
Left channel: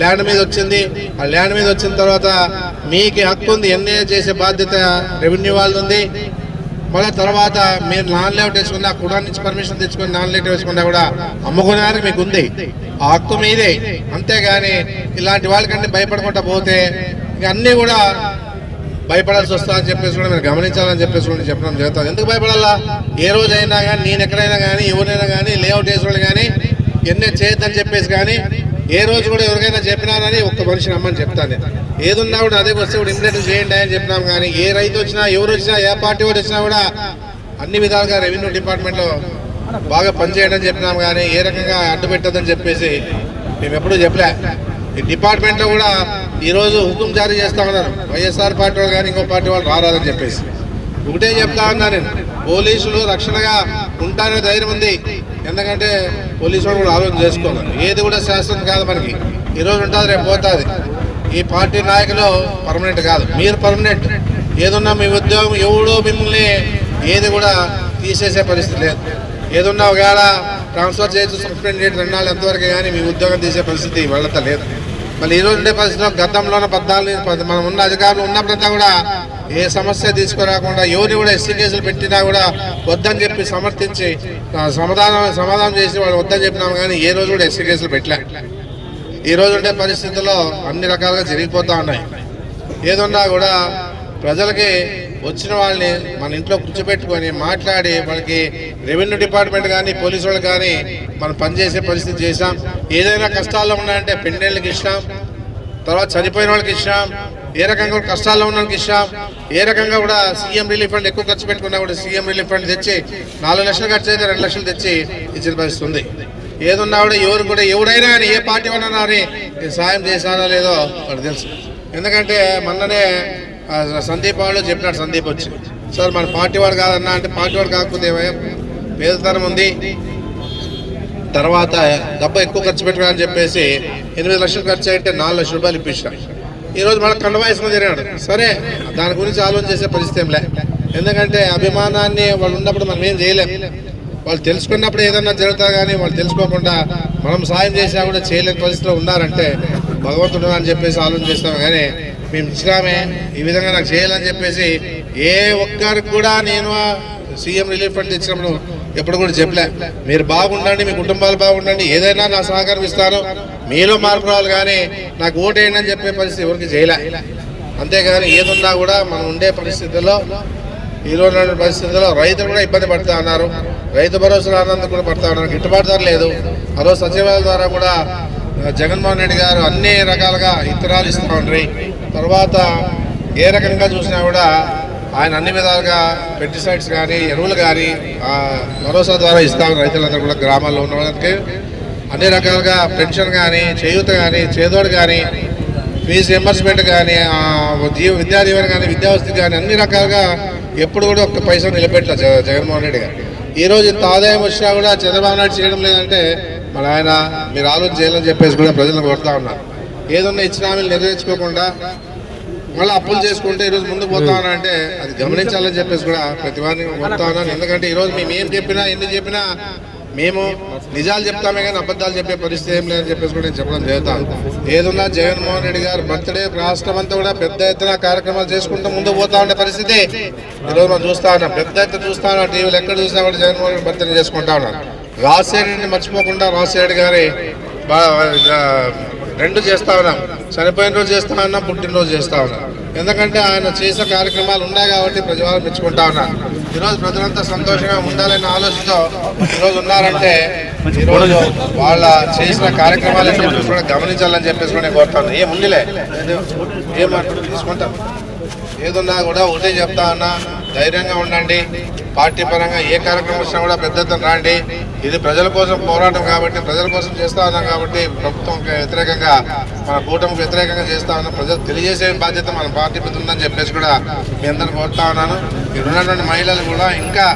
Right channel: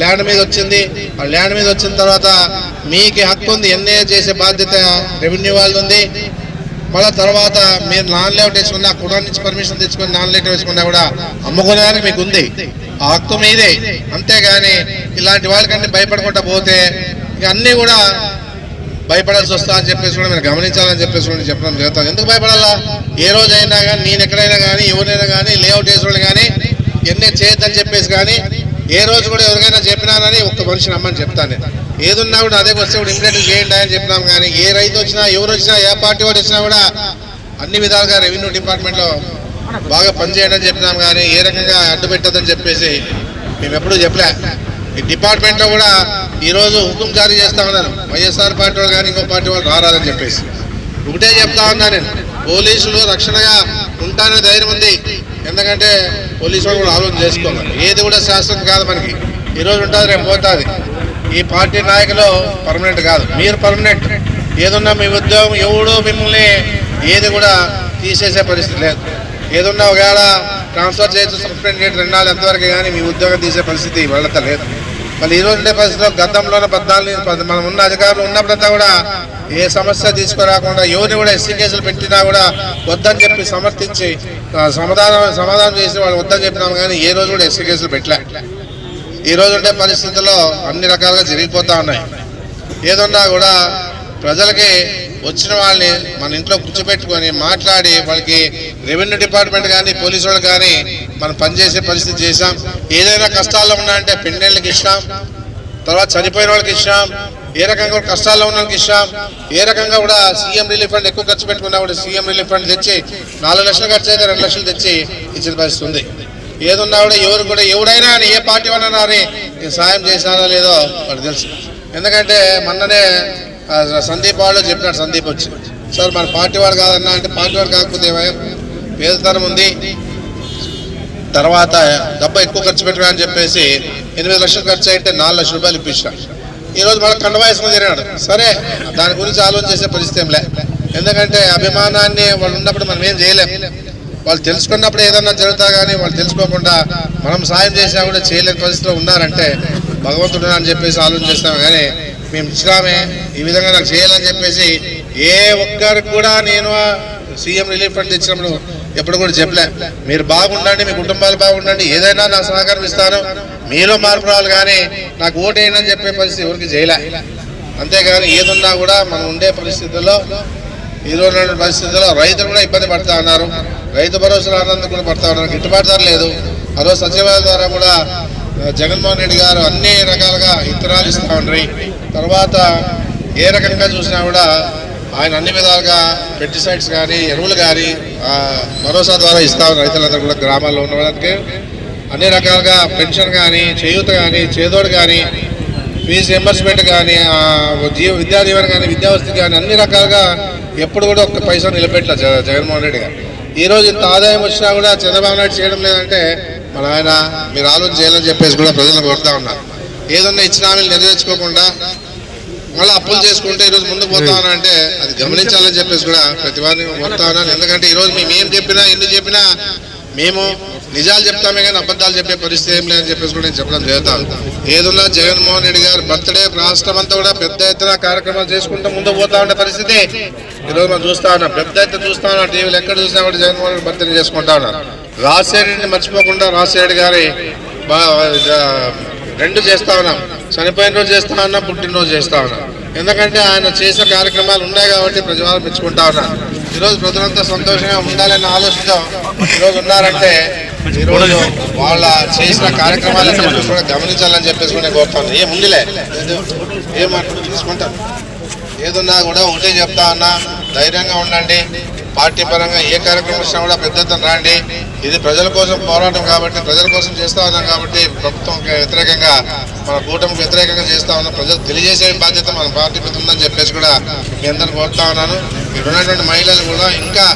ల్యాండ్ మీద వచ్చింది. ఆ ల్యాండ్ మీద వచ్చిన తర్వాత మీకు హక్కు ఉంది. ఎన్ఏ చేసే బాధ్యత రెవెన్యూ వాళ్ళది. ఉంది మళ్ళీ తర్వాత మీరు నాన్ లేఅవుట్ వేసుకున్నా కుడా నుంచి పర్మిషన్ తెచ్చుకొని నాన్ లేఅవుట్ వేసుకున్నా కూడా అమ్ముకునేదానికి మీకు ఉంది. ఆ హక్కు మీదే. అంతేగాని ఇలాంటి వాళ్ళకంటే భయపడకుండా పోతే ఇక అన్నీ కూడా భయపడాల్సి వస్తా అని చెప్పేసి కూడా మీరు గమనించాలని చెప్పేసి కూడా చెప్పడం జరుగుతుంది. ఎందుకు భయపడాలా? ఏ రోజైనా కానీ నేను ఎక్కడైనా కానీ ఎవరైనా కానీ లేఅవుట్ వేసిన వాళ్ళు కానీ ఎన్నే చేయొద్దని చెప్పేసి కానీ ఏ రోజు కూడా ఎవరికైనా చెప్పినారని ఒక్క మనిషి నమ్మని చెప్తాను. నేను ఏదున్నా కూడా అదే వస్తే కూడా ఇంప్లిమెంట్ చేయండి అని చెప్పినాం కానీ ఏ రైతు వచ్చినా ఎవరు వచ్చినా ఏ పార్టీ వాడు వచ్చినా కూడా అన్ని విధాలుగా రెవెన్యూ డిపార్ట్మెంట్లో బాగా పనిచేయడం అని చెప్పినాం కానీ ఏ రకంగా అడ్డు పెట్టదని చెప్పేసి మేము ఎప్పుడూ చెప్పలే. ఈ డిపార్ట్మెంట్లో కూడా ఈరోజు హుకుం జారీ చేస్తా ఉన్నారు వైఎస్ఆర్ పార్టీ వాళ్ళు కానీ ఇంకో పార్టీ వాళ్ళు రారాదని చెప్పేసి. ఒకటే చెప్తా ఉన్నా నేను. పోలీసులు రక్షణగా ఉంటాననే ధైర్యం ఉంది. ఎందుకంటే పోలీసు వాళ్ళు కూడా ఆలోచన చేసుకోవాలి. ఏది కూడా శాస్త్రం కాదు మనకి. ఈరోజు ఉంటుంది రేపు పోతుంది. ఈ పార్టీ నాయకులు పర్మనెంట్ కాదు. మీరు పర్మనెంట్. ఏదున్నా మీ ఉద్యోగం ఎవడు మిమ్మల్ని ఏది కూడా తీసేసే పరిస్థితి లేదు. ఏదున్నా ఒకవేళ ట్రాన్స్ఫర్ చేయొచ్చు సస్పెండ్ చేయడం రెండు నాలుగు ఎంతవరకు కానీ మీ ఉద్యోగం తీసే పరిస్థితి వెళ్ళత లేదు. మళ్ళీ ఈ రోజు ఉండే పరిస్థితిలో గతంలోనే పద్నాలుగు మనం ఉన్న అధికారులు ఉన్నప్పుడంతా కూడా ఏ సమస్య తీసుకురాకుండా ఎవరిని కూడా ఎస్సీ కేసులు పెట్టినా కూడా వద్దని చెప్పి సమర్థించి సమాధానం సమాధానం చేసి వాళ్ళు వద్దని చెప్పినాము కానీ ఏ రోజు కూడా ఎస్సీ కేసులు పెట్టలే. ఈ రోజు ఉండే పరిస్థితుల్లో అన్ని రకాలుగా జరిగిపోతూ ఉన్నాయి. ఏదున్నా కూడా ప్రజలకి వచ్చిన వాళ్ళని మన ఇంట్లో కూర్చోబెట్టుకొని మాట్లాడి వాళ్ళకి రెవెన్యూ డిపార్ట్మెంట్ కానీ పోలీసు వాళ్ళు కానీ మనం పనిచేసే పరిస్థితి చేసాం ఏదైనా కష్టాల్లో ఉన్నాయంటే పెండేళ్ళకి ఇష్టం తర్వాత చనిపోయిన వాళ్ళకి ఇస్తాం ఏ రకంగా కూడా కష్టాల్లో ఉన్న వాళ్ళకి ఇస్తాం ఏ రకంగా కూడా సీఎం రిలీఫ్ ఫండ్ ఎక్కువ ఖర్చు పెట్టుకున్నా కూడా సీఎం రిలీఫ్ ఫండ్ తెచ్చి నాలుగు లక్షలు ఖర్చు అయితే రెండు లక్షలు తెచ్చి ఇచ్చిన పరిస్థితి ఉంది. ఏదున్నా కూడా ఎవరు కూడా ఎవడైనా అని ఏ పార్టీ ఉన్నా కానీ నేను సాయం చేశానో లేదో వాడు తెలుసు. ఎందుకంటే మొన్ననే సందీప్ వాళ్ళు చెప్పినాడు సందీప్ వచ్చి. సార్ మన పార్టీ వాడు కాదన్నా అంటే పార్టీ వాడు కాకపోతే పేదతనం ఉంది. తర్వాత డబ్బు ఎక్కువ ఖర్చు పెట్టాలని చెప్పేసి ఎనిమిది లక్షలు ఖర్చు అయితే నాలుగు లక్షల రూపాయలు ఇప్పించాం ఈరోజు మన మనకు తిరిగాడు సరే దాని గురించి ఆలోచన చేసే పరిస్థితి ఏం లే. ఎందుకంటే అభిమానాన్ని వాళ్ళు ఉన్నప్పుడు మనం ఏం చేయలేం. వాళ్ళు తెలుసుకున్నప్పుడు ఏదన్నా జరుగుతా కానీ వాళ్ళు తెలుసుకోకుండా మనం సాయం చేసినా కూడా చేయలేని పరిస్థితిలో ఉన్నారంటే భగవంతుడు అని చెప్పేసి ఆలోచన చేస్తాం. కానీ మేము ఇచ్చినామే ఈ విధంగా నాకు చేయాలని చెప్పేసి ఏ ఒక్కరికి కూడా నేను సీఎం రిలీఫ్ ఫండ్ ఇచ్చినప్పుడు ఎప్పుడు కూడా చెప్పలే. మీరు బాగుండండి మీ కుటుంబాలు బాగుండండి ఏదైనా నా సహకారం ఇస్తాను. మీలో మార్పు రావాలి కానీ నాకు ఓటేయండి అని చెప్పే పరిస్థితి ఎవరికి చేయలే. అంతేగాని ఏదున్నా కూడా మనం ఉండే పరిస్థితుల్లో ఈ రోజు పరిస్థితుల్లో రైతులు కూడా ఇబ్బంది పడతా ఉన్నారు. రైతు భరోసా రానందుకు కూడా పడతా ఉన్నారు. గిట్టుబాటు ధర లేదు. ఆ రోజు సచివాలయం ద్వారా కూడా జగన్మోహన్ రెడ్డి గారు అన్ని రకాలుగా ఇతరాలు ఇస్తూ ఉండ్రి తర్వాత ఏ రకంగా చూసినా కూడా ఆయన అన్ని విధాలుగా పెస్టిసైడ్స్ కానీ ఎరువులు కానీ భరోసా ద్వారా ఇస్తా ఉన్న రైతులందరూ కూడా గ్రామాల్లో ఉన్న వాళ్ళకి. అన్ని రకాలుగా పెన్షన్ కానీ చేయూత కానీ చేదోడు కానీ ఫీజు రింబర్స్మెంట్ కానీ జీవ విద్యా దీవెన కానీ విద్యావస్థ కానీ అన్ని రకాలుగా ఎప్పుడు కూడా ఒక్క పైసా నిలబెట్టలే జగన్మోహన్ రెడ్డి గారు. ఈ రోజు ఇంత ఆదాయం వచ్చినా కూడా చంద్రబాబు నాయుడు చేయడం లేదంటే మన ఆయన మీరు ఆలోచన చేయాలని చెప్పేసి కూడా ప్రజలను కోరుతా ఉన్నారు ఏదన్నా ఇచ్చిన హామీలు నెరవేర్చుకోకుండా మళ్ళీ అప్పులు చేసుకుంటే ఈరోజు ముందుకు పోతా అంటే అది గమనించాలని చెప్పేసి కూడా ప్రతి వారిని కోరుతా ఉన్నాను ఎందుకంటే ఈరోజు మేము ఏం చెప్పినా ఎన్ని చెప్పినా మేము నిజాలు చెప్తామే కానీ అబద్ధాలు చెప్పే పరిస్థితి ఏం లేదని చెప్పేసి కూడా నేను చెప్పడం జరుగుతాను ఏదున్నా జగన్మోహన్ రెడ్డి గారు బర్త్డే రాష్ట్రం అంతా కూడా పెద్ద ఎత్తున కార్యక్రమాలు చేసుకుంటూ ముందుకు పోతా ఉండే పరిస్థితి ఈరోజు మనం చూస్తా ఉన్నాం. పెద్ద ఎత్తున చూస్తా ఉన్నాం. టీవీలో ఎక్కడ చూసినా కూడా జగన్మోహన్ రెడ్డి బర్త్డే చేసుకుంటా ఉన్నాం రాజశేఖరెడ్డిని మర్చిపోకుండా రాజశేఖరెడ్డి గారి రెండు చేస్తా ఉన్నాం. చనిపోయిన రోజు చేస్తా ఉన్నాం పుట్టినరోజు చేస్తా ఉన్నాం. ఎందుకంటే ఆయన చేసిన కార్యక్రమాలు ఉన్నాయి కాబట్టి ప్రజలు మెచ్చుకుంటా ఉన్నాను ఈరోజు ప్రజలంతా సంతోషంగా ఉండాలనే ఆలోచనతో ఈరోజు ఉన్నారంటే ఈరోజు వాళ్ళ చేసిన కార్యక్రమాలు చెప్పేసి కూడా గమనించాలని చెప్పేసి కూడా నేను కోరుతాను ఏం ఉందిలే? ఏం తీసుకుంటాను ఏదున్నా కూడా ఒకటే చెప్తా ఉన్నా ధైర్యంగా ఉండండి. పార్టీ పరంగా ఏ కార్యక్రమం వచ్చినా కూడా పెద్ద ఎత్తున రాండి. ఇది ప్రజల కోసం పోరాటం కాబట్టి ప్రజల కోసం చేస్తా ఉన్నాం కాబట్టి ప్రభుత్వం వ్యతిరేకంగా మన కూటమికి వ్యతిరేకంగా చేస్తా ఉన్నాం. ప్రజలు తెలియజేసే బాధ్యత మన పార్టీ మీద ఉందని చెప్పేసి కూడా మీ అందరిని కోరుతా ఉన్నాను. ఇక్కడ ఉన్నటువంటి మహిళలు కూడా ఇంకా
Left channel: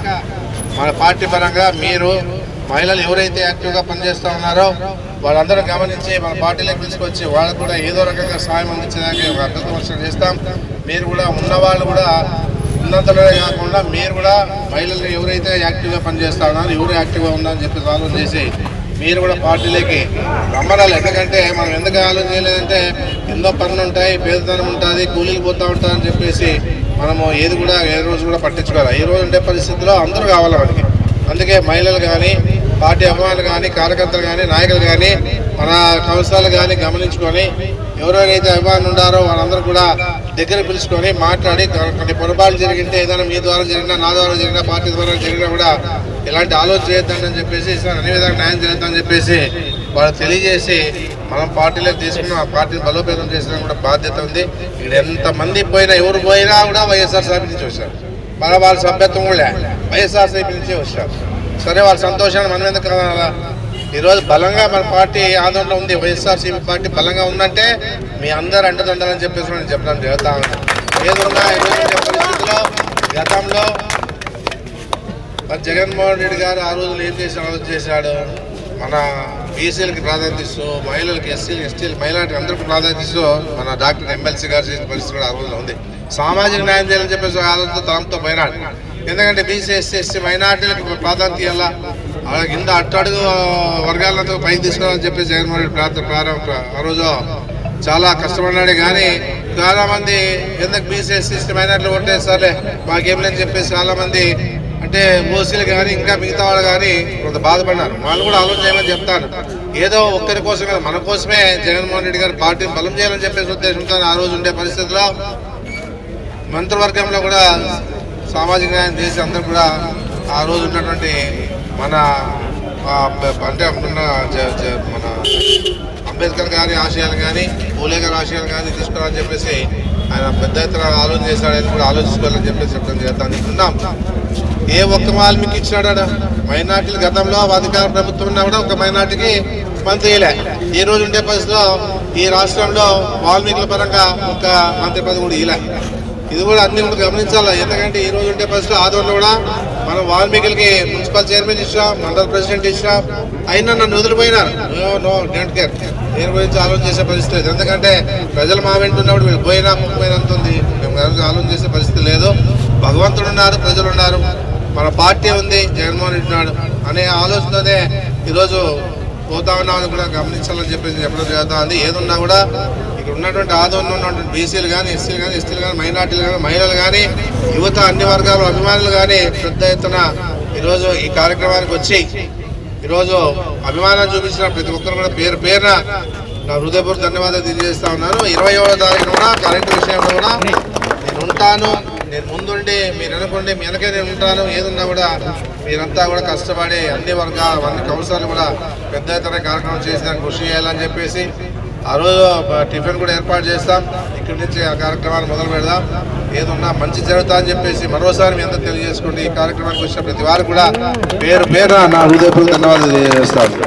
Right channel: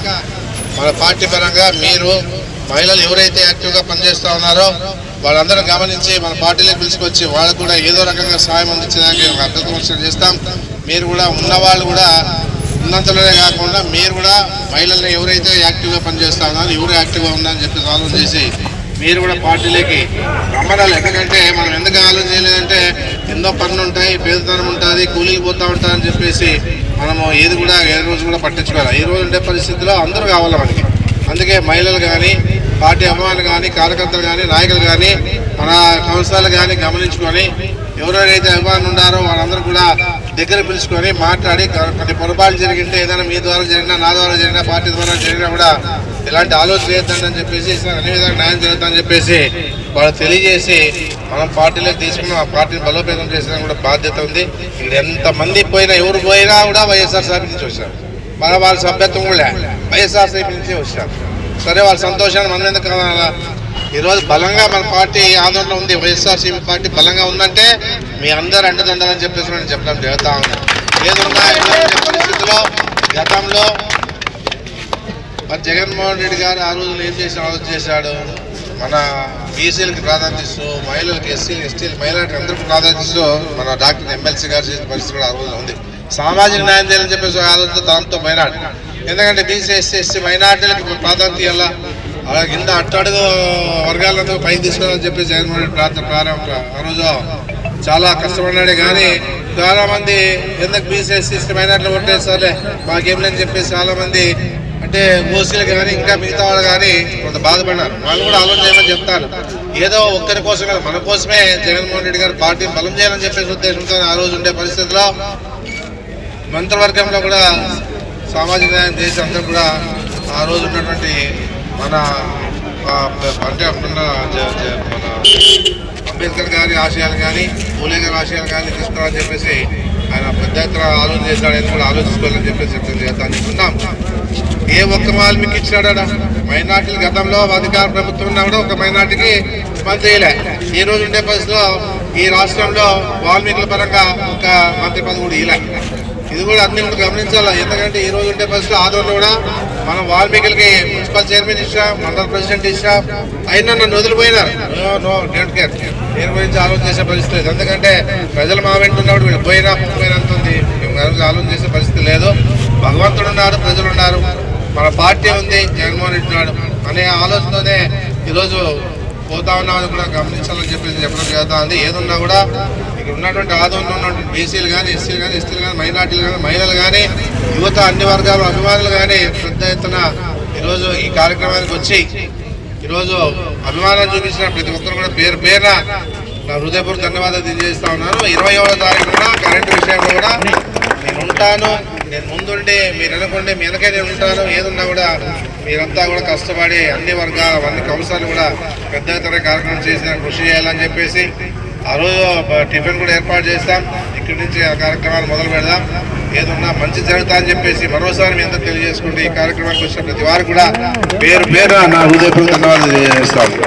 మన పార్టీ పరంగా మీరు మహిళలు ఎవరైతే యాక్టివ్గా పనిచేస్తూ ఉన్నారో వాళ్ళందరూ గమనించి మన పార్టీలోకి పిలుచుకొచ్చి వాళ్ళకు కూడా ఏదో రకంగా సాయం అందించడానికి ఒక చేస్తాం. మీరు కూడా ఉన్నవాళ్ళు కూడా ఉన్నంతలోనే కాకుండా మీరు కూడా మహిళల్ని ఎవరైతే యాక్టివ్గా పనిచేస్తా ఉన్నారో ఎవరు యాక్టివ్గా ఉన్నారని చెప్పి ఆలోచన చేసి మీరు కూడా పార్టీలోకి రమ్మనాలి. ఎందుకంటే మనం ఎందుకు ఆలోచన చేయలేదంటే ఎన్నో పనులు ఉంటాయి పేదతనం ఉంటుంది కూలీలు పోతూ ఉంటారని చెప్పేసి మనము ఏది కూడా ఏ రోజు కూడా పట్టించుకోవాలి. ఈ రోజు ఉండే పరిస్థితిలో అందరూ కావాలి మనకి. అందుకే మహిళలు కానీ పార్టీ అభిమానులు కానీ కార్యకర్తలు కానీ నాయకులు కానీ మన సంస్థలు కానీ గమనించుకొని ఎవరెవరైతే అభిమానులు ఉన్నారో వాళ్ళందరూ కూడా దగ్గర పిలుచుకొని మాట్లాడి కొన్ని పొరపాట్లు జరిగింటే ఏదైనా మీ ద్వారా జరిగినా నా ద్వారా జరిగినా పార్టీ ద్వారా జరిగినా కూడా ఇలాంటి ఆలోచన చేయొద్దని చెప్పేసి అన్ని విధాలు న్యాయం జరుగుతుందని చెప్పేసి వాళ్ళు తెలియజేసి మనం పార్టీలోకి తీసుకుని ఆ పార్టీని బలోపేతం చేసిన కూడా బాధ్యత ఉంది. ఇక్కడ ఎంతమంది పోయినా ఎవరు పోయినా కూడా వైఎస్ఆర్ సార్ నుంచి వచ్చారు. మన వాళ్ళ సభ్యత్వం కూడా వైఎస్ఆర్ వైఎస్ఆర్సీపీ నుంచి వచ్చారు. సరే వాళ్ళ సంతోషాన్ని మనం ఎందుకు ఈరోజు బలంగా మన పార్టీ ఆందోళన ఉంది వైఎస్ఆర్సీపీ పార్టీ బలంగా ఉందంటే మీ అందరు అండదండలని చెప్పేసి నేను చెప్పడం జరుగుతా ఉంది ఏదున్నా ఈరోజు పరిస్థితిలో గతంలో మరి జగన్మోహన్ రెడ్డి గారు ఆ రోజులు ఏం చేసి ఆలోచన చేశాడు? మన బీసీలకి ప్రాధాన్యత ఇస్తూ మహిళలకు ఎస్సీలు ఎస్టీలు మహిళలకు అందరికీ ప్రాధాన్యత ఇస్తూ మన డాక్టర్ ఎమ్మెల్సీ గారు చేసిన పరిస్థితి కూడా ఆ రోజులో ఉంది. సామాజిక న్యాయం చేయాలని చెప్పేసి ఆలోచన తనంతో మైనార్టీ. ఎందుకంటే బీసీ ఎస్సీ ఎస్సీ మైనార్టీలకు ప్రాధాన్యత ఇవ్వాలా? అలా కింద అట్టడుగు వర్గాలతో పైకి తీసుకోవాలని చెప్పి జగన్మోహన్ రెడ్డి ప్రార్థన ప్రారంభ ఆ రోజు చాలా కష్టపడ్డాడు. కానీ చాలా మంది ఎందుకు బీసీ ఎస్సీ మైనార్టీలు ఓటేస్తారులే మాకేమని లేని చెప్పేసి చాలా మంది అంటే ఓసీలు కానీ ఇంకా మిగతా వాళ్ళు కానీ కొంత బాధపడ్డారు. వాళ్ళు కూడా ఆలోచన చేయమని చెప్తారు. ఏదో ఒక్కరి కోసమే మన కోసమే జగన్మోహన్ రెడ్డి గారు పార్టీ బలం చేయాలని చెప్పేసి ఉద్దేశంతో ఆ రోజు ఉండే పరిస్థితిలో మంత్రివర్గంలో కూడా సామాజిక న్యాయం చేసి అందరూ కూడా ఆ రోజు ఉన్నటువంటి మన అంటే అప్పుడున్న మన అంబేద్కర్ గారి ఆశయాలు కానీ పూలే గారి ఆశయాలు కానీ తీసుకురాని చెప్పేసి ఆయన పెద్ద ఎత్తున ఆలోచన చేశాడని కూడా ఆలోచించుకోవాలని చెప్పేసి చెప్తాను చేస్తాను ఉన్నాం. ఏ ఒక్క వాల్మీకి ఇచ్చాడా మైనార్టీలు గతంలో అధికార ప్రభుత్వం ఉన్నా కూడా ఒక మైనార్టీకి మంత్రి చేయలే. ఈ రోజు ఉండే పరిస్థితిలో ఈ రాష్ట్రంలో వాల్మీకుల పరంగా ఒక మంత్రి పదవి కూడా ఇలా ఇది కూడా అన్ని కూడా గమనించాలి? ఎందుకంటే ఈ రోజు ఉండే పరిస్థితులు ఆదరణలో కూడా మనం వాల్మీకి మున్సిపల్ చైర్మన్ ఇచ్చా మండల ప్రెసిడెంట్ ఇచ్చా అయినా నన్ను వదిలిపోయినారు నో డోంట్ కేర్ దీని గురించి ఆలోచన చేసే పరిస్థితి లేదు. ఎందుకంటే ప్రజలు మా వెంట ఉన్నప్పుడు వీళ్ళు పోయినా పోయినంత ఉంది? మేము ఆలోచన చేసే పరిస్థితి లేదు. భగవంతుడు ఉన్నారు ప్రజలు ఉన్నారు. మన పార్టీ ఉంది జగన్మోహన్ రెడ్డి ఉన్నాడు అనే ఆలోచనతోనే ఈరోజు పోతా ఉన్నామని కూడా గమనించాలని చెప్పేసి చెప్పడం జరుగుతుంది ఏదున్నా కూడా ఇక్కడ ఉన్నటువంటి ఆదరణ ఉన్నటువంటి బీసీలు కానీ ఎస్సీలు కానీ ఎస్టీలు కానీ మైనార్టీలు కానీ మహిళలు కానీ యువత అన్ని వర్గాలు అభిమానులు కానీ పెద్ద ఎత్తున ఈరోజు ఈ కార్యక్రమానికి వచ్చి ఈరోజు అభిమానం చూపించిన ప్రతి ఒక్కరు కూడా పేరు పేరున నా హృదయపూర్వక ధన్యవాదాలు తెలియజేస్తా ఉన్నాను. ఇరవై ఏడవ తారీఖు కూడా కరెంటు విషయంలో కూడా నేను ఉంటాను. నేను ముందుండి మీరు అనుకోండి మీ వెనకే నేను ఉంటాను. ఏదున్నా కూడా మీరంతా కూడా కష్టపడి అన్ని వర్గాలు అన్ని కౌన్సిలర్లు కూడా పెద్ద ఎత్తున కార్యక్రమం చేసిన కృషి చేయాలని చెప్పేసి ఆ రోజు టిఫిన్ కూడా ఏర్పాటు చేస్తాం. ఇక్కడి నుంచి ఆ కార్యక్రమాన్ని మొదలు పెడదాం. ఏదన్నా మంచి జరుగుతా అని చెప్పేసి మరోసారి మీ అందరూ తెలియజేసుకుంటే ఈ కార్యక్రమానికి వచ్చిన ప్రతి వారు కూడా పేరు పేరు నా హృదయపూర్వక ధన్యవాదాలు తెలియజేస్తాను.